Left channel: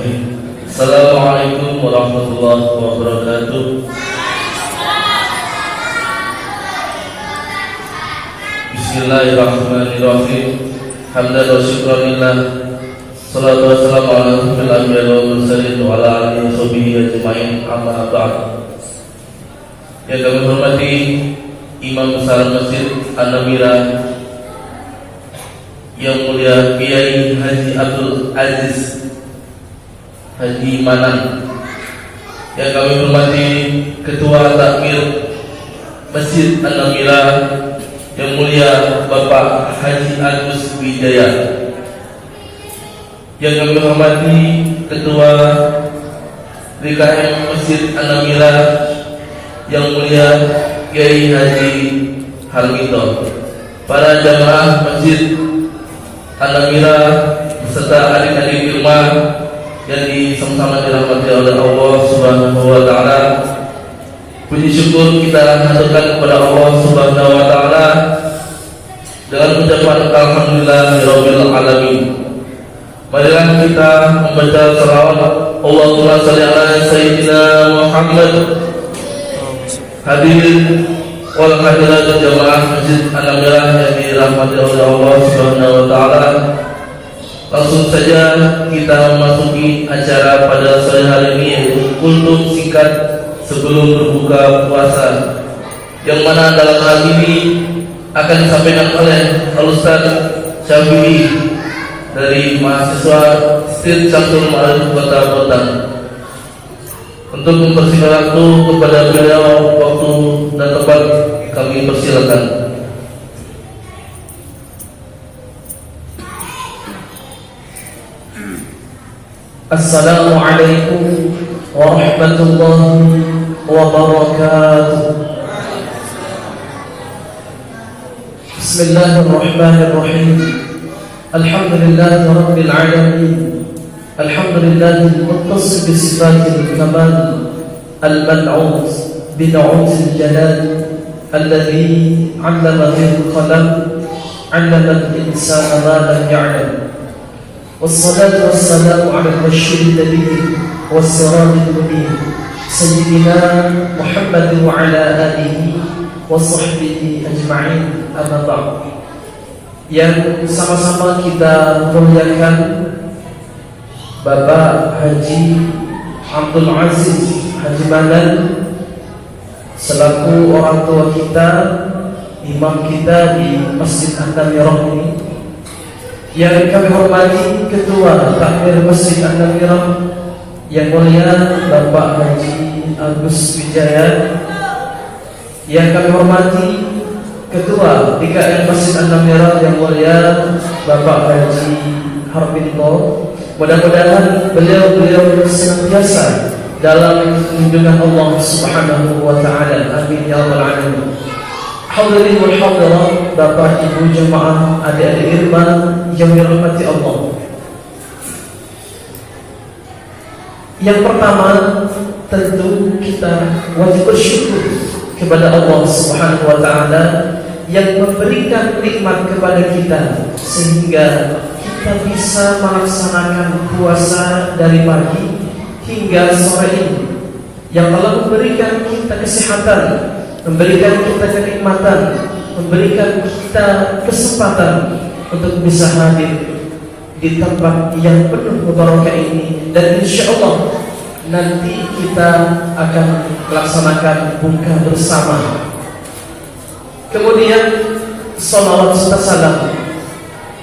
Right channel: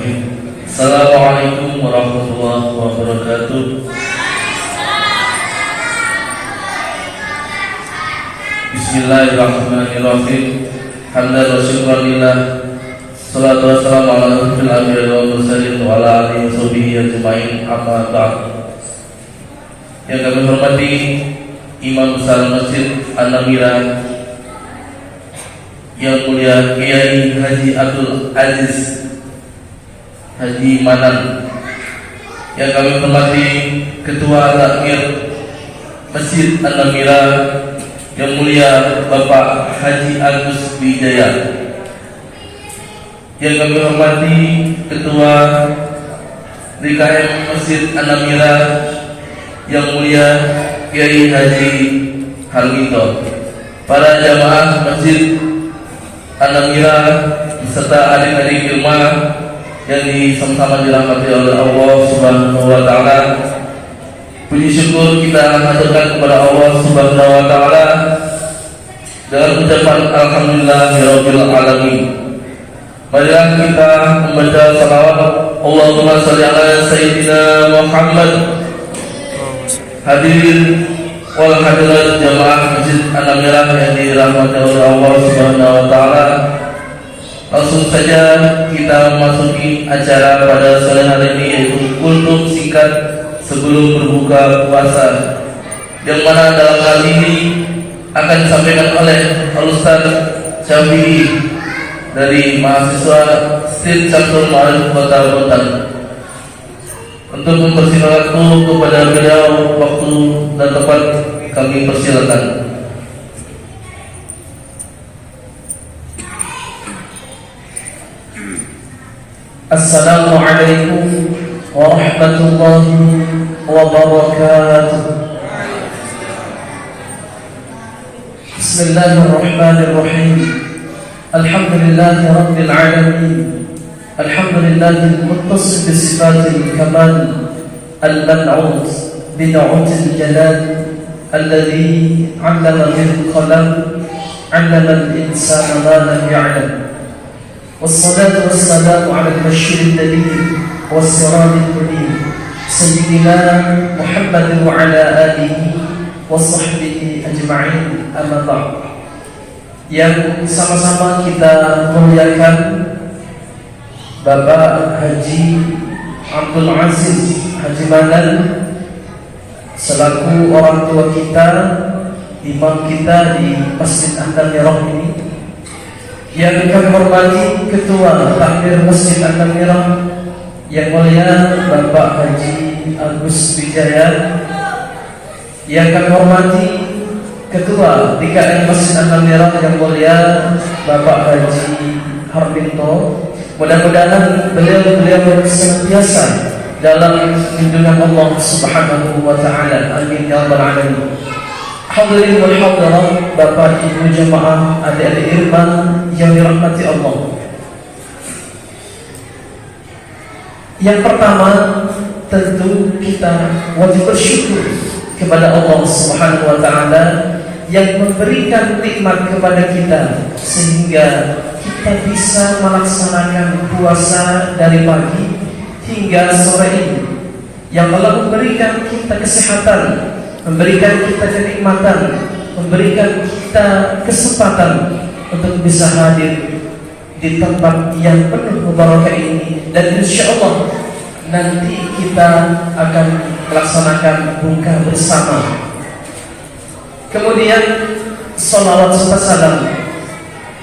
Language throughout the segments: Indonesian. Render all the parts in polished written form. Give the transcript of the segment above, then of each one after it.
Assalamualaikum warahmatullahi wabarakatuh. Bismillahirrahmanirrahim. Hamdan wa syukran lillah. Salatu wassalamu ala asyrofil anbiya'i wal mursalin wa ala alihi washabihi ajma'in. Amma ba'd. Yang kami hormati Imam Besar Masjid An-Namira yang mulia Kiai Haji Abdul Aziz Haji Manan, yang kami hormati Ketua Takmir Masjid An-Namira yang mulia Bapak Haji Agus Wijaya, yang kami hormati Ketua DKM Masjid An-Namira yang mulia Kiai Haji Halmito, para jamaah Masjid An-Namira beserta adik-adik Irma yang sama-sama dirahmati oleh Allah Subhanahu wa taala. Puji syukur kita haturkan kepada Allah Subhanahu wa taala dengan ucapan alhamdulillahirabbil alamin. Marilah kita membaca salawat Allahumma shalli ala sayyidina Muhammad. Hadirin wal hadirat jamaah Masjid An-Namira yang dirahmati oleh Allah Subhanahu wa taala. Langsung saja kita memasuki acara pada sore hari ini, yaitu kultum singkat sebelum berbuka puasa, yang mana dalam hal ini akan disampaikan oleh Ustaz Syafi'i dari mahasiswa Street Syamsul Ma'arif Kota Batam. Untuk mempersingkat waktu kepada beliau, waktu dan tempat kami persilakan. Assalamualaikum warahmatullahi wabarakatuh. Bismillahirrahmanirrahim. Alhamdulillahi rabbil alamin. Alhamdulillahi al-muttasif bi sifatil kamal, al-man'ut bi nu'util jalal, alladhi 'allama bil qalam, 'allama al-insana ma lam ya'lam. والصلاة والسلام على البشير النبي والسراج المبين سيدنا محمد وعلى آله وصحبه أجمعين. أما بعد, yang sama-sama kita muliakan Bapak Haji Abdul Aziz Haji Manan selaku orang tua kita, imam kita di Masjid An-Namira ini, yang kami hormati Ketua Takmir Masjid An-Namira yang mulia Bapak Haji Agus Wijaya, yang kami hormati Ketua DKM Masjid An-Namira yang mulia Bapak Haji Harmito. Mudah-mudahan beliau senantiasa dalam lindungan Allah Subhanahu wa taala. Amin ya rabbal alamin. Hadirin wal hadirat, Bapak Ibu jemaah, adik-adik Irma yang dirahmati Allah. Yang pertama, tentu kita wajib bersyukur kepada Allah Subhanahu wa taala yang memberikan nikmat kepada kita sehingga kita bisa melaksanakan puasa dari pagi hingga sore ini. Yang Allah memberikan kita kesehatan, memberikan kita kenikmatan, memberikan kita kesempatan untuk bisa hadir di tempat yang penuh mubarakah ini, dan insya Allah nanti kita akan melaksanakan buka bersama. Kemudian salawat serta salam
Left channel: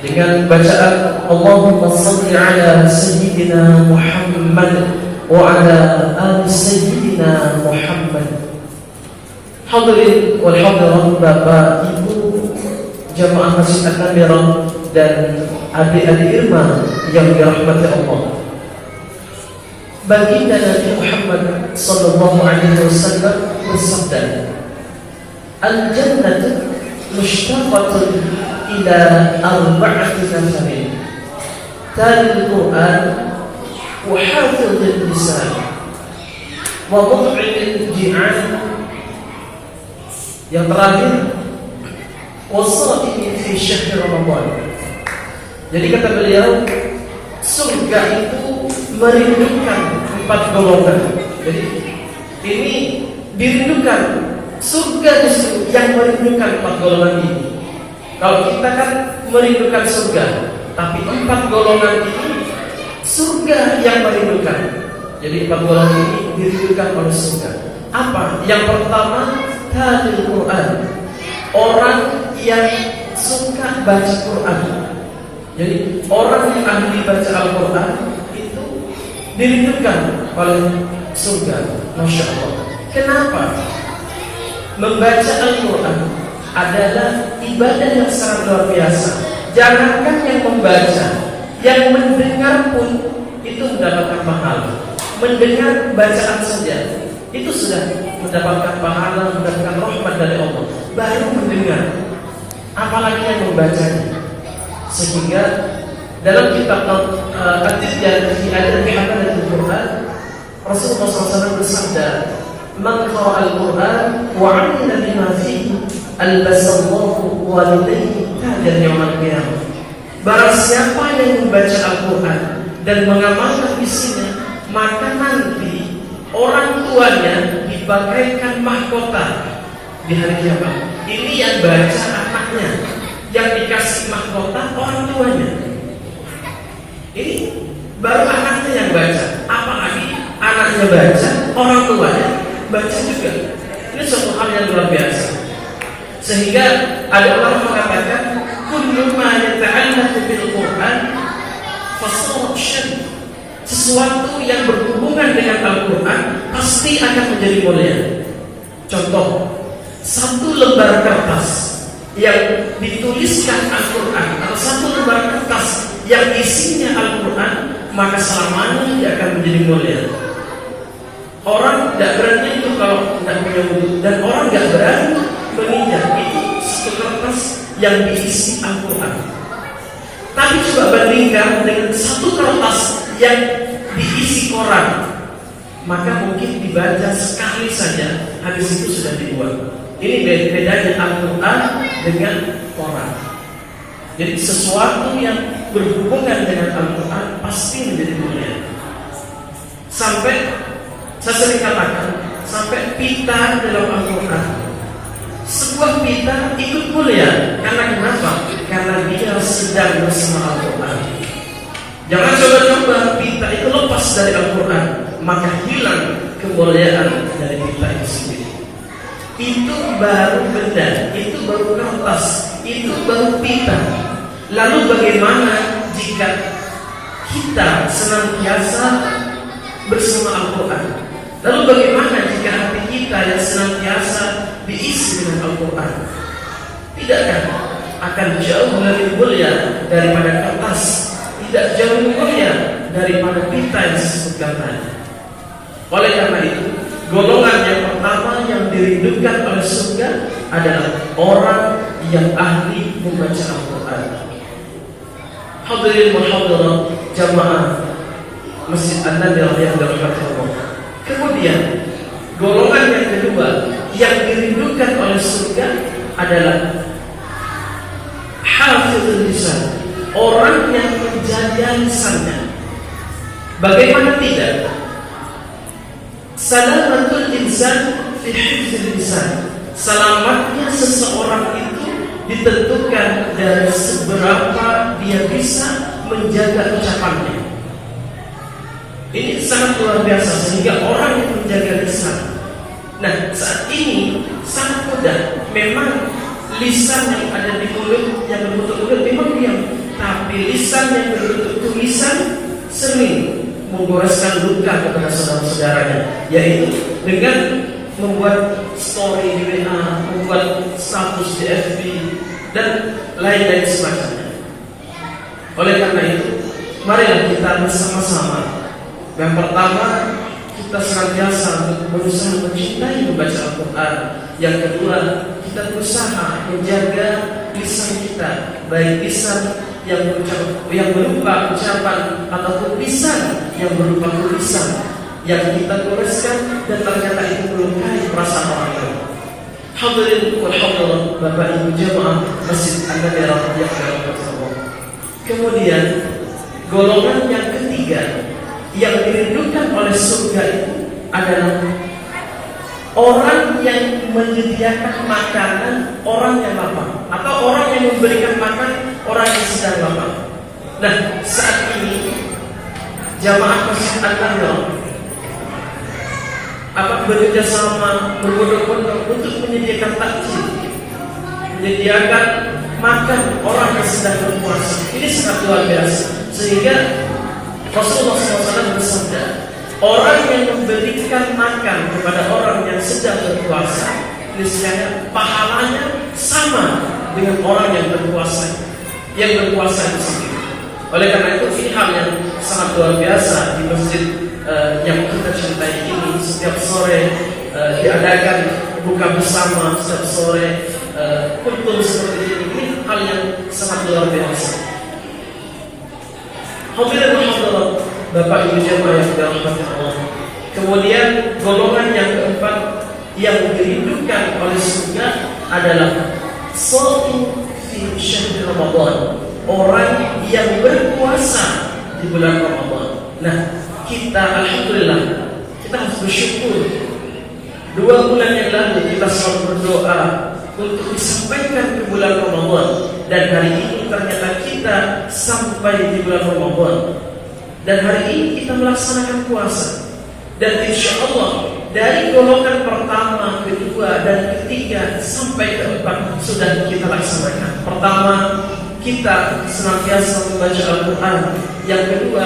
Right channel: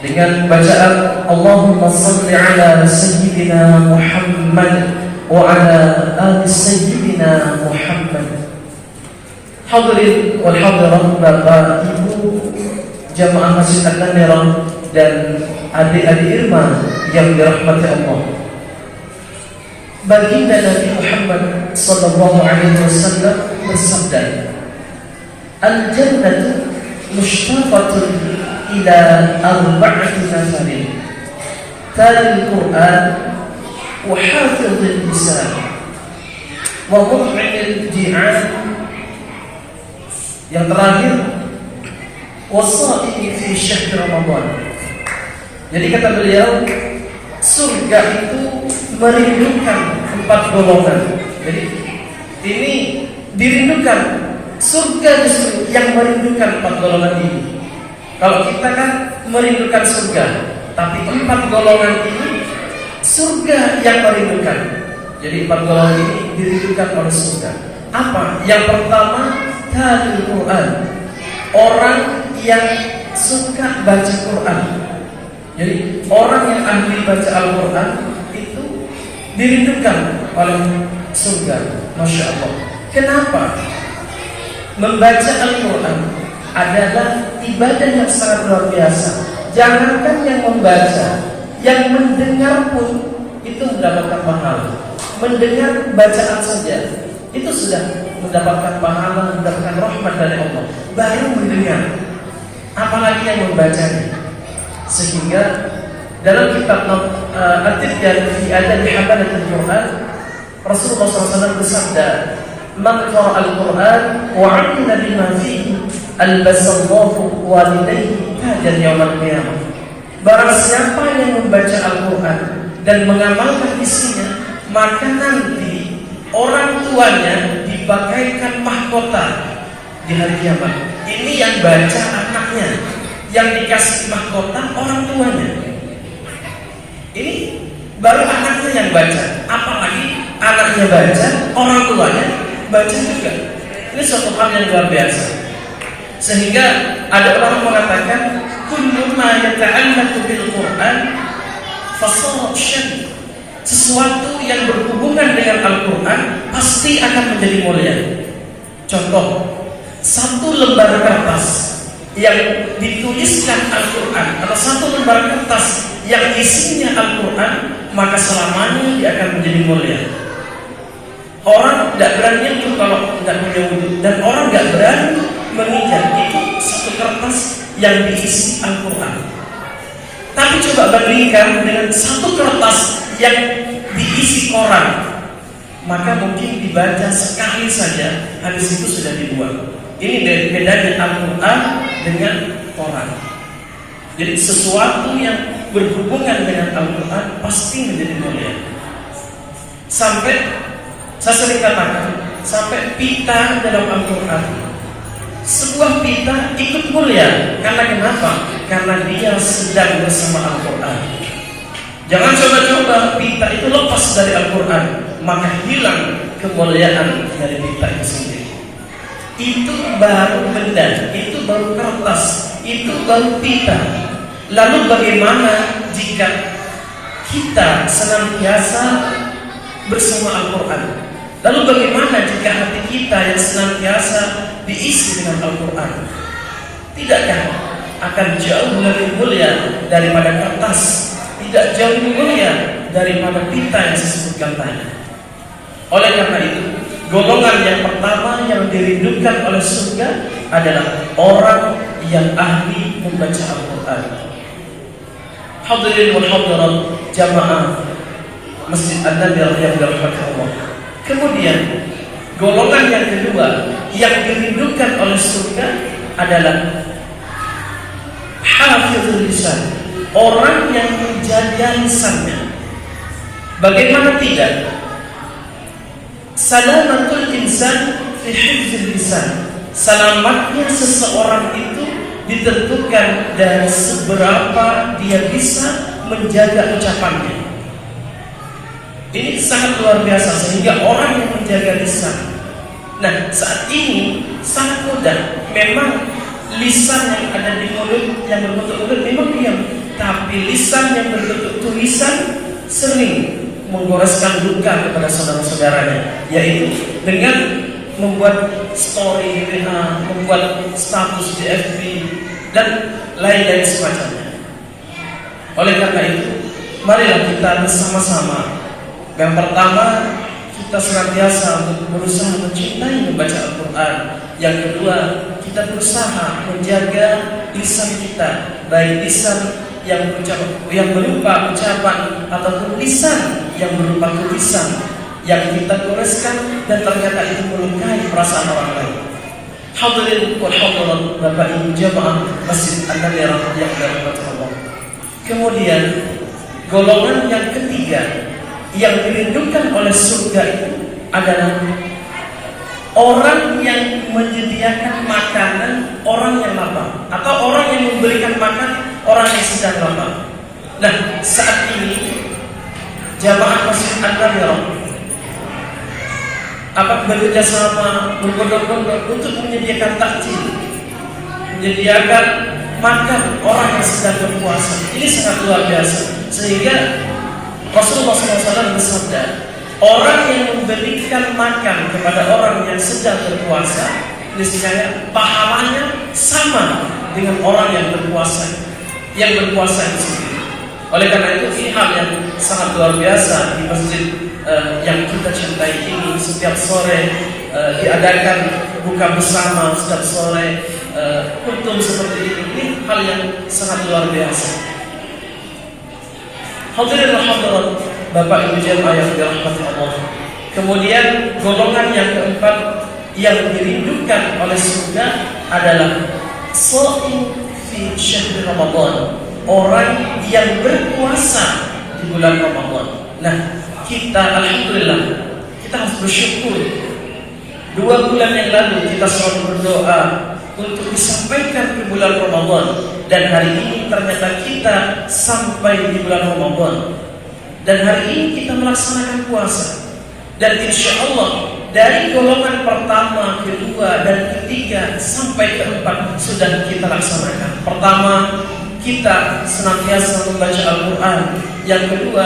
dengan bacaan Allahumma salli ala sayyidina Muhammad wa ala ali sayyidina Muhammad. Hadirin wal hadirat, Bapak Ibu jamaah Masjid An-Namira dan adik-adik Irma yang dirahmati Allah. Baginda Nabi Muhammad sallallahu alaihi wasallam bersabda, "Al-jannatu mushtaqatun ila arba'ati nafarin, talil Qur'an wa hafidhil lisan wa mut'imil ji'an." Yang terakhir, wasaqi fi syahr Ramadan. Jadi kata beliau, surga itu merindukan 4 golongan. Jadi ini dirindukan, surga justru yang merindukan 4 golongan ini. Kalau kita kan merindukan surga, tapi 4 golongan ini surga yang merindukan. Jadi 4 golongan ini dirindukan oleh surga. Apa? Yang pertama, talil Quran, orang yang suka baca Quran. Jadi orang yang ahli baca Al-Quran itu dirindukan oleh surga. Masya Allah. Kenapa? Membaca Al-Quran adalah ibadah yang sangat luar biasa. Jangankan yang membaca, yang mendengar pun itu mendapatkan pahala. Mendengar bacaan saja itu sudah mendapatkan pahala, mendapatkan rahmat dari Allah. Baru mendengar, apalagi yang membacanya. Sehingga dalam kitab At-Tibyaan fi Adabi Hamalatil Quran, Rasulullah SAW bersabda, "Man qara'a al-Quran wa 'amila bima fihi, albasallahu walidayhi tajan yaumil qiyamah." Barang siapa yang membaca Al-Quran dan mengamalkan isinya, maka nanti orang tuanya dibagaikan mahkota di hari kiamat. Ini yang baca anaknya, yang dikasih mahkota orang tuanya. Ini baru anaknya yang baca, apalagi anaknya baca, orang tuanya baca juga. Ini suatu hal yang luar biasa. Sehingga ada orang mengatakan, kullu ma yata'allaqu bil Qur'an fasawab syar'i. Sesuatu yang berhubungan dengan Al-Quran pasti akan menjadi mulia. Contoh, 1 lembar kertas yang dituliskan Al-Quran atau 1 lembar kertas yang isinya Al-Quran, maka selamanya dia akan menjadi mulia. Orang tidak berani itu kalau tidak punya wudhu, dan orang tidak berani menginjak itu 1 kertas yang diisi Al-Quran. Tapi coba bandingkan dengan 1 kertas yang diisi koran, maka mungkin dibaca sekali saja, habis itu sudah dibuang. Ini bedanya Al-Quran dengan koran. Jadi sesuatu yang berhubungan dengan Al-Quran pasti menjadi mulia. Sampai saya sering katakan, sampai pita dalam Al-Quran, sebuah pita ikut mulia. Karena kenapa? Karena dia sedang bersama Al-Quran. Jangan coba-coba pita itu lepas dari Al-Quran, maka hilang kemuliaan dari pita itu sendiri. Itu baru benda, itu baru kertas, itu baru pita. Lalu bagaimana jika kita senantiasa bersama Al-Quran? Lalu bagaimana jika hati kita yang senantiasa diisi dengan Al-Quran? Tidakkah akan jauh lebih mulia daripada kertas? Tidak jauh lebih mulia daripada pita yang saya sebutkan tadi. Oleh karena itu, golongan yang pertama yang dirindukan oleh surga adalah orang yang ahli membaca Al-Quran. Hadirin wal hadirat jamaah Masjid An-Nabawi yang dirahmati Allah. Kemudian golongan yang kedua yang dirindukan oleh surga adalah hafizul lisan, orang yang menjaga lisannya. Bagaimana tidak? Salamatul insan fi hifdzil lisan. Selamatnya seseorang itu ditentukan dari seberapa dia bisa menjaga ucapannya. Ini sangat luar biasa, sehingga orang yang menjaga lisan. Nah, saat ini sangat mudah. Memang lisan yang ada di mulut, yang berbentuk mulut memang diam, tapi lisan yang berbentuk tulisan sering menggoreskan luka kepada saudara-saudaranya, yaitu dengan membuat story di WA, membuat status di FB, dan lain-lain semacamnya. Oleh karena itu, marilah kita bersama-sama. Yang pertama, kita senantiasa berusaha mencintai membaca Al-Quran. Yang kedua, kita berusaha menjaga lisan kita, baik lisan yang berupa ucapan ataupun lisan yang berupa tulisan yang kita tuliskan dan ternyata itu melukai perasaan orang lain. Hadirin wal hadirat Bapak Ibu jamaah Masjid An-Nabawi yang dirahmati Allah. Kemudian golongan yang ketiga yang dirindukan oleh surga itu adalah orang yang menyediakan makanan orang yang lapar, atau orang yang memberikan makan orang yang sedang lapar. Nah, saat ini jamaah Masjid An-Nahdhah bekerja sama berbondong-bondong untuk menyediakan takjil, menyediakan makan orang yang sedang berpuasa. Ini sangat luar biasa. Sehingga Rasulullah SAW bersabda, orang yang memberikan makan kepada orang yang sedang berpuasa, niscaya pahalanya sama dengan orang yang berpuasa itu sendiri. Oleh karena itu, ini hal yang sangat luar biasa di masjid yang kita cintai ini. Setiap sore diadakan buka bersama, setiap sore kumpul seperti ini hal yang sangat luar biasa. Hadirin hadirat, Bapak Ibu jemaah yang dirahmati Allah. Kemudian golongan yang keempat yang dirindukan oleh surga adalah shaim fi syahr Ramadan, orang yang berpuasa di bulan Ramadan. Nah, kita alhamdulillah kita harus bersyukur. 2 bulan yang lalu kita selalu berdoa untuk disampaikan ke bulan Ramadan, dan hari ini ternyata kita sampai di bulan Ramadan, dan hari ini kita melaksanakan puasa. Dan insya Allah dari golongan pertama, kedua, dan ketiga sampai keempat sudah kita laksanakan. Pertama, kita senantiasa membaca Al-Quran. Yang kedua,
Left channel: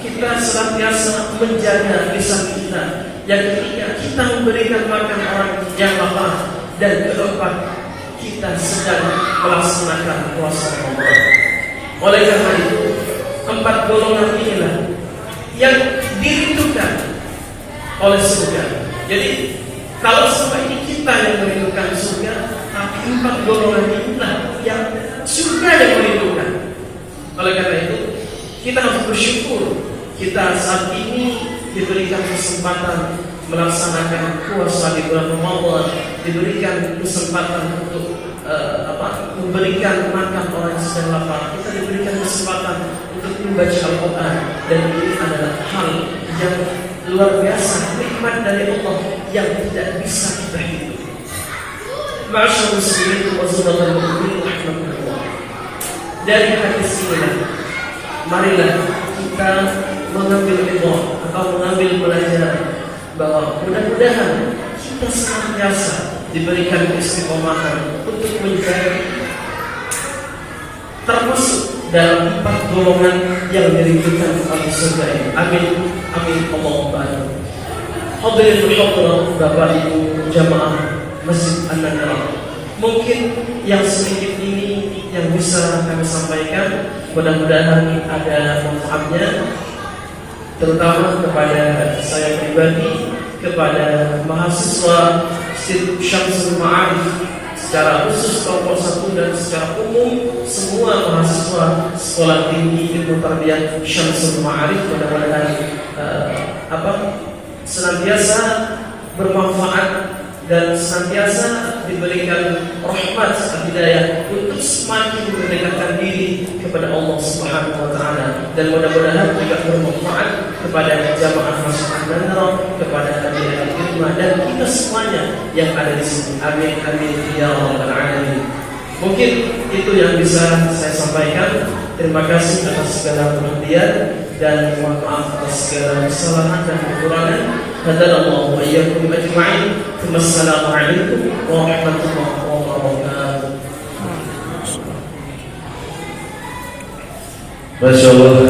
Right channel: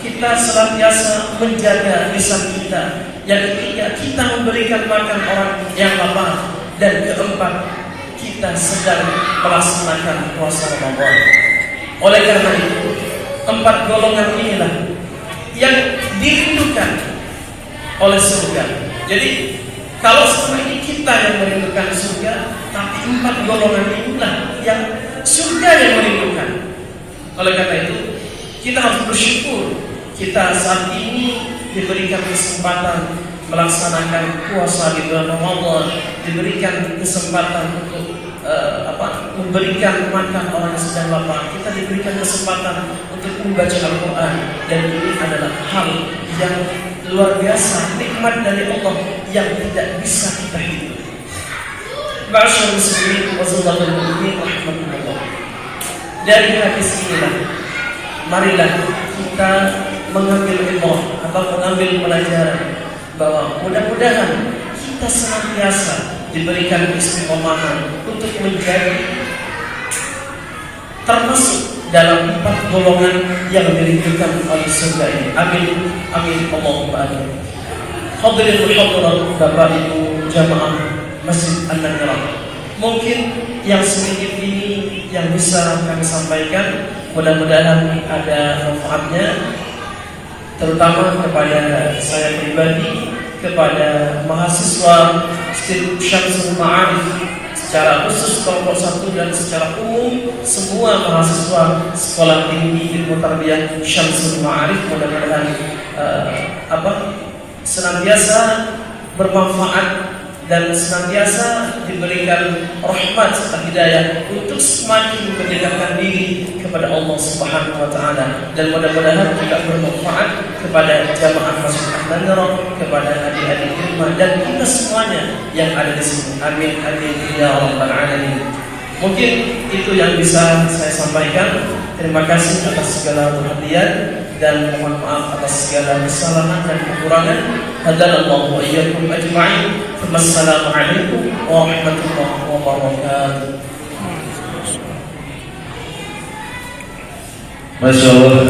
kita senantiasa menjaga lisan kita. Yang ketiga, kita memberikan makan orang yang lapar. Dan keempat, kita sedang melaksanakan puasa Ramadan. Oleh karena itu, 4 golongan inilah yang dirindukan oleh surga. Jadi kalau selama ini kita yang merindukan surga, tapi 4 golongan inilah yang surga yang merindukan. Oleh karena itu, kita harus bersyukur kita saat ini diberikan kesempatan melaksanakan puasa di bulan Ramadan, diberikan kesempatan untuk memberikan makan orang yang sedang lapar. Kita diberikan kesempatan untuk membaca Al-Quran, dan ini adalah hal yang luar biasa, nikmat dari Allah yang tidak bisa kita hidup. Ma'asyarul muslimin wa sallallahu alaihi wasallam. Dari hadis ini, marilah kita mengambil ilmu atau mengambil pelajaran bahwa mudah-mudahan kita senantiasa diberikan istiqomahan untuk menjadi termasuk dalam 4 golongan yang dirindukan oleh surga ini. Amin, amin, Allahumma amin. Hadirin hadirat, Bapak Ibu jamaah Masjid An-Nahdhah, mungkin yang sedikit ini yang bisa kami sampaikan, mudah-mudahan ada manfaatnya, terutama kepada saya pribadi, kepada mahasiswa Institut Syamsul Ma'arif secara khusus kelompok 1 dan secara umum semua mahasiswa Sekolah Tinggi Ilmu Tarbiyah Syamsul Ma'arif, mudah-mudahan senantiasa bermanfaat dan senantiasa diberikan rahmat dan hidayah untuk semakin mendekatkan diri kepada Allah Subhanahu wa taala, dan mudah-mudahan juga bermanfaat kepada jamaah Masjid An-Nahdhah, kepada adik-adik ilmu dan kita semuanya yang ada di sini. Amin, amin ya rabbal alamin. Mungkin itu yang bisa saya sampaikan. Terima kasih atas segala perhatian dan mohon maaf atas segala kesalahan dan kekurangan. Hadallahu wa iyyakum ajma'in. Wassalamualaikum warahmatullahi wabarakatuh. Masya Allah,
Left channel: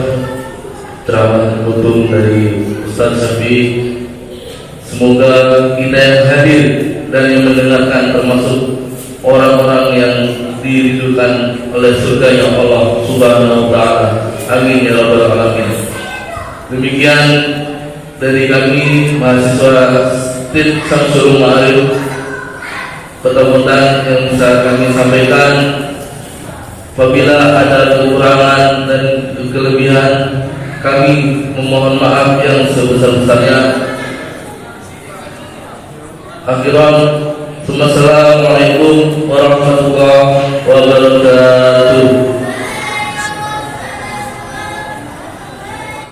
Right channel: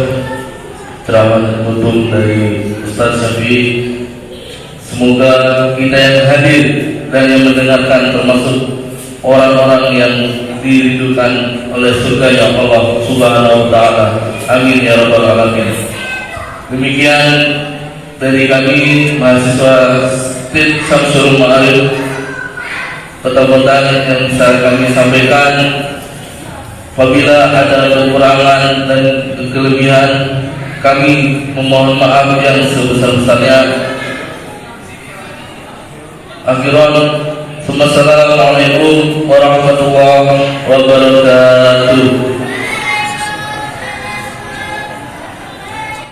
ceramah penutup dari Ustaz Syafi'i. Semoga kita yang hadir dan yang mendengarkan termasuk orang-orang yang dirindukan oleh surga Allah Subhanahu wa taala. Amin ya rabbal alamin. Demikian dari kami mahasiswa Institut Syamsul Ma'arif, pertemuan yang bisa kami sampaikan. Apabila ada kekurangan dan kelebihan, kami memohon maaf yang sebesar-besarnya. Akhiran, Assalamualaikum warahmatullahi wabarakatuh.